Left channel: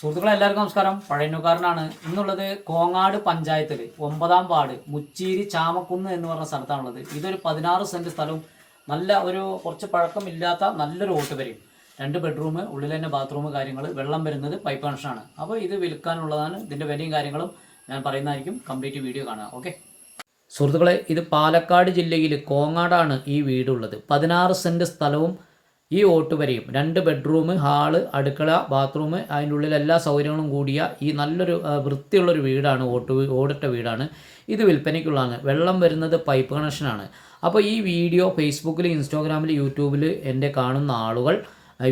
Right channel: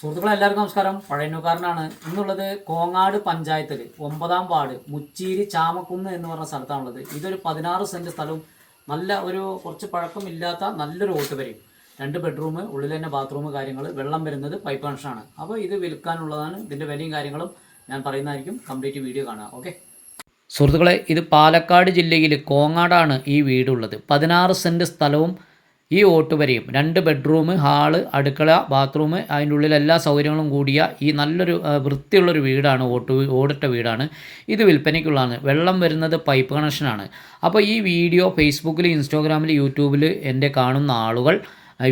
സുഹൃത്തുക്കളെ എല്ലാവർക്കും നമസ്കാരം. പഴയന്നുകാരനാണ് ഇന്നുള്ളത് കോങ്ങാട് പഞ്ചായത്തിൽ ഒമ്പതാം വാർഡ് മുച്ചീരി ചാമക്കുന്ന് എന്ന് പറഞ്ഞ സ്ഥലത്താണുള്ളത്. ഇതൊരു പതിനാറ് സെന്റ് സ്ഥലവും നല്ല ഒരു കുറച്ച് പഴക്കമില്ലാത്ത നല്ലൊരു ഓട്ട് വരും രണ്ട് ബെഡ്റൂം ഉള്ളിൽ തന്നെ ബാത്റൂം കാര്യങ്ങൾ വെള്ളം വരുന്നത് പൈപ്പ് കണക്ഷനാണ്. അപ്പോൾ ഇത് വിൽക്കാനുള്ളതാണ്. ഇതിന്റെ വിലയും കാര്യങ്ങളും ഞാൻ പറയുന്നതായിരിക്കും. കംപ്ലീറ്റ് വീഡിയോ കാണുക ഓക്കെ? സുഹൃത്തുക്കളെ ഇത് പാലക്കാട് ജില്ലയിൽ കോങ്ങാടാണ് ഈ വീടുള്ളത്. പതിനാറ് സെന്റ് സ്ഥലവും ഈ ഓട്ടുവരയും രണ്ട് ബെഡ്റൂം ഹാൾ അടുക്കള ബാത്റൂം അതിന്റെ ഉള്ളിൽ എല്ലാ സൗകര്യങ്ങളും കൂടിയ ഈ നല്ലൊരു വൃത്തിയുള്ളൊരു വീടാണ് ഓട്ട് ഓടിട്ട വീടാണ്. ഇത് വിൽപ്പനയ്ക്കുള്ളതാണ്. വെള്ളം വരുന്നത് പൈപ്പ് കണക്ഷനാണ്. അപ്പോൾ ഈ വീഡിയോ ഫേസ്ബുക്കിൽ ഇൻസ്റ്റാഗ്രാമിൽ യൂട്യൂബിൽ എന്റെ കാണുന്ന ആളുകൾ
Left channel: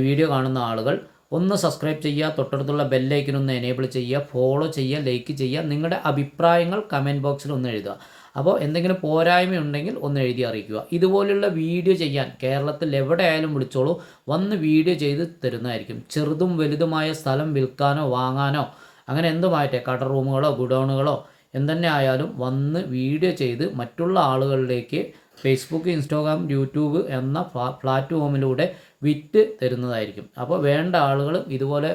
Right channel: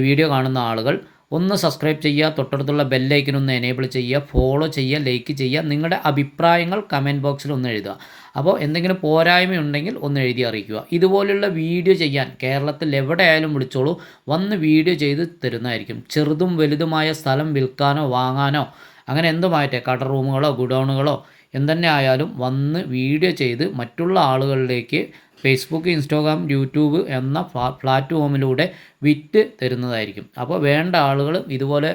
വീഡിയോ കാണുന്ന ആളുകൾ ഒന്ന് സബ്സ്ക്രൈബ് ചെയ്യുക തൊട്ടടുത്തുള്ള ബെല്ലൈക്കൻ ഒന്ന് എനേബിൾ ചെയ്യുക ഫോളോ ചെയ്യുക ലൈക്ക് ചെയ്യുക നിങ്ങളുടെ അഭിപ്രായങ്ങൾ കമന്റ് ബോക്സിൽ ഒന്ന് എഴുതുക. അപ്പോൾ എന്തെങ്കിലും പോരായ്മ ഉണ്ടെങ്കിൽ ഒന്ന് എഴുതി അറിയിക്കുക. ഇതുപോലുള്ള വീഡിയോ ചെയ്യാൻ കേരളത്തിൽ എവിടെയായാലും വിളിച്ചോളൂ. വന്ന് വീഡിയോ ചെയ്ത് തരുന്നതായിരിക്കും. ചെറുതും വലുതുമായ സ്ഥലം വിൽക്കാനോ വാങ്ങാനോ അങ്ങനെ എന്തുമായിട്ടെ? കട റൂമുകളോ ഗുഡൗണുകളോ എന്തെന്നെ ആയാലും വന്ന് വീഡിയോ ചെയ്ത് മറ്റുള്ള ആളുകളിലേക്ക് ഫേസ്ബുക്ക് ഇൻസ്റ്റാഗ്രാം യൂട്യൂബ് എന്ന പ്ലാറ്റ്ഫോമിലൂടെ വിറ്റ് തരുന്നതായിരിക്കും. അപ്പോൾ വേണ്ട ആളുകൾ ഇതുപോലെ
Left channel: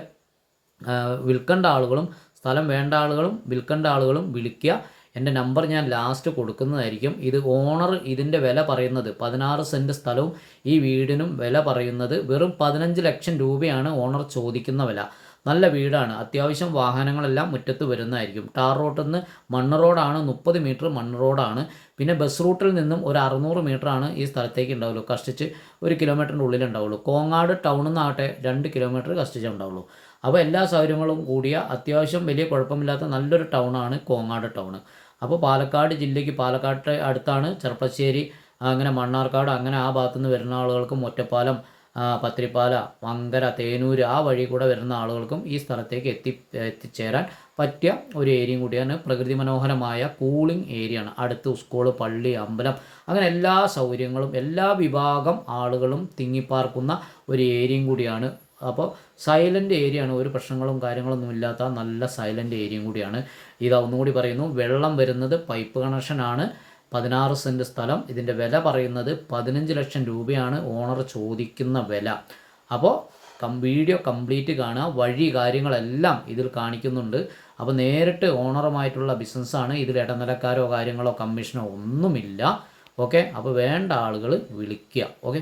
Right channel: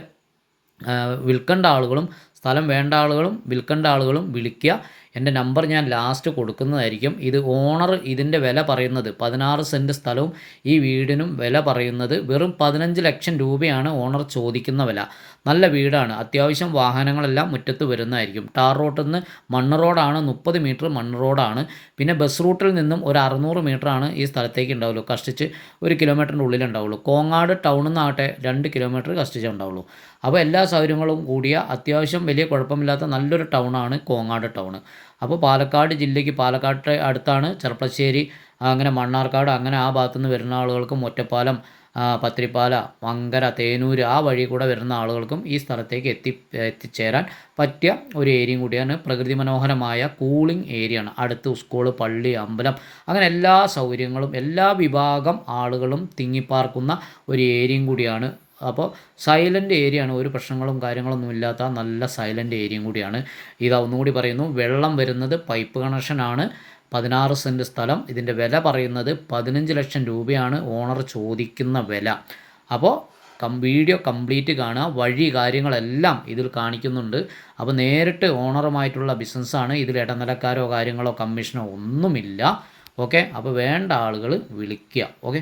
വിൽക്കേണ്ട ആളുകളും സ്ഥലം വേണ്ട ആളുകളും വിൽക്കേണ്ട ആളുകളും വിളിക്കുക. എന്റെ നമ്പർ ഞാൻ ലാസ്റ്റ് കൊടുക്കുന്നതായിരിക്കും. ഇത് ഓണർ ഇതിന്റെ വില പറയുന്നത് പതിനാറ് സെന്റ് സ്ഥലവും ഈ വീടിനും വില പറയുന്നത് വെറും പതിനഞ്ച് ലക്ഷം രൂപയാണ് ഓണർ ചോദിക്കുന്ന വില. നല്ല വീടാണ്. അത്യാവശ്യം വാഹനങ്ങളെല്ലാം മുറ്റത്ത് വരുന്നതായിരിക്കും. ടാർ റോട്ടിൽ നിന്ന് മണ്ണ് റോഡാണ് മുപ്പത് മീറ്റർ മണ്ണ് റോഡാണ് പിന്നെ ബസ് റൂട്ടിൽ നിന്നും ഒരു അറുന്നൂറ് ആണ് ഈ സ്ഥലത്തേക്ക് ഉണ്ടാവുള്ളൂ. കഷ്ടിച്ച് ഒരു കിലോമീറ്ററിന്റെ ഉള്ളിലുണ്ടാവുള്ളൂ കോങ്ങാട് ടൗണിൽ നിന്നാകട്ടെ രണ്ട് കിലോമീറ്റർ കഷ്ടിച്ചേ ഉണ്ടാവുള്ളൂ. അപ്പോൾ എല്ലാ സൗകര്യങ്ങളും കൂടിയ അത്യാവശ്യം വലിയ കുഴപ്പമില്ലാത്ത നല്ലൊരു ടൗണാണ് കോങ്ങാട് ടൗൺ അപ്പോൾ പാലക്കാട് ജില്ലയ്ക്ക് പാലക്കാട് അടുത്താണ് ചെർപ്പശ്ശേരി അങ്ങനെ മണ്ണാർക്കാട് അങ്ങനെ ആ ഭാഗത്തു നിന്ന് വരുന്ന ആളുകൾക്കും ഒറ്റപ്പാലം പത്രിപ്പാല മങ്കര തേനൂര് ആ വഴി കൂടെ വരുന്ന ആളുകൾക്കും ഈ സ്ഥലത്തേക്ക് എത്തി എത്തിച്ചേരാൻ പറ്റിയ ഒരു ഏരിയയും കൂടിയാണ്. പ്രകൃതി മനോഹരമായ കൂളിംഗ് ആണ് അടുത്ത് സ്കൂൾ പള്ളി അമ്പലം അങ്ങനെ എല്ലാ സൗകര്യങ്ങളും എല്ലാ വിഭാഗം ആളുകളും തിങ്ങിപ്പാർക്കുന്ന ഒരു ഏരിയയും കൂടിയാണ് അപ്പോൾ സൈലന്റ് ആണ് ഒരു പ്രശ്നങ്ങളും കാര്യങ്ങളൊന്നും ഇല്ലാത്ത നല്ല സൈലന്റ് ഏരിയയും കൂടിയാണ്. ഇതാ ഒന്നുകൂടി പറയുന്നു. വെള്ളം വരുന്നത് പൈപ്പ് കണക്ഷനാണ് പതിനാറ് സെന്റ് സ്ഥലം. ഇതിന്റെ വില പറയുന്നത് പതിനഞ്ച് ലക്ഷം രൂപയാണ് ഓണർ ചോദിക്കുന്ന വില. അപ്പോൾ കം വീഡിയോ കംപ്ലീറ്റ് കാണുക. വഴി കാര്യങ്ങളെല്ലാം ഇതിൽ കാണിക്കുന്നുണ്ട്. അപ്പോൾ നേരിട്ട് ഓണറുമായിട്ടുള്ള ബിസിനസ്സാണ് ഇതിൽ ഇടനിലക്കാരോ കാര്യങ്ങളോ കമ്മീഷനോ ഒന്നുമില്ല. ഓക്കെ അപ്പോൾ വേണ്ട ആളുകൾ വിളിക്കുക. ഓക്കെ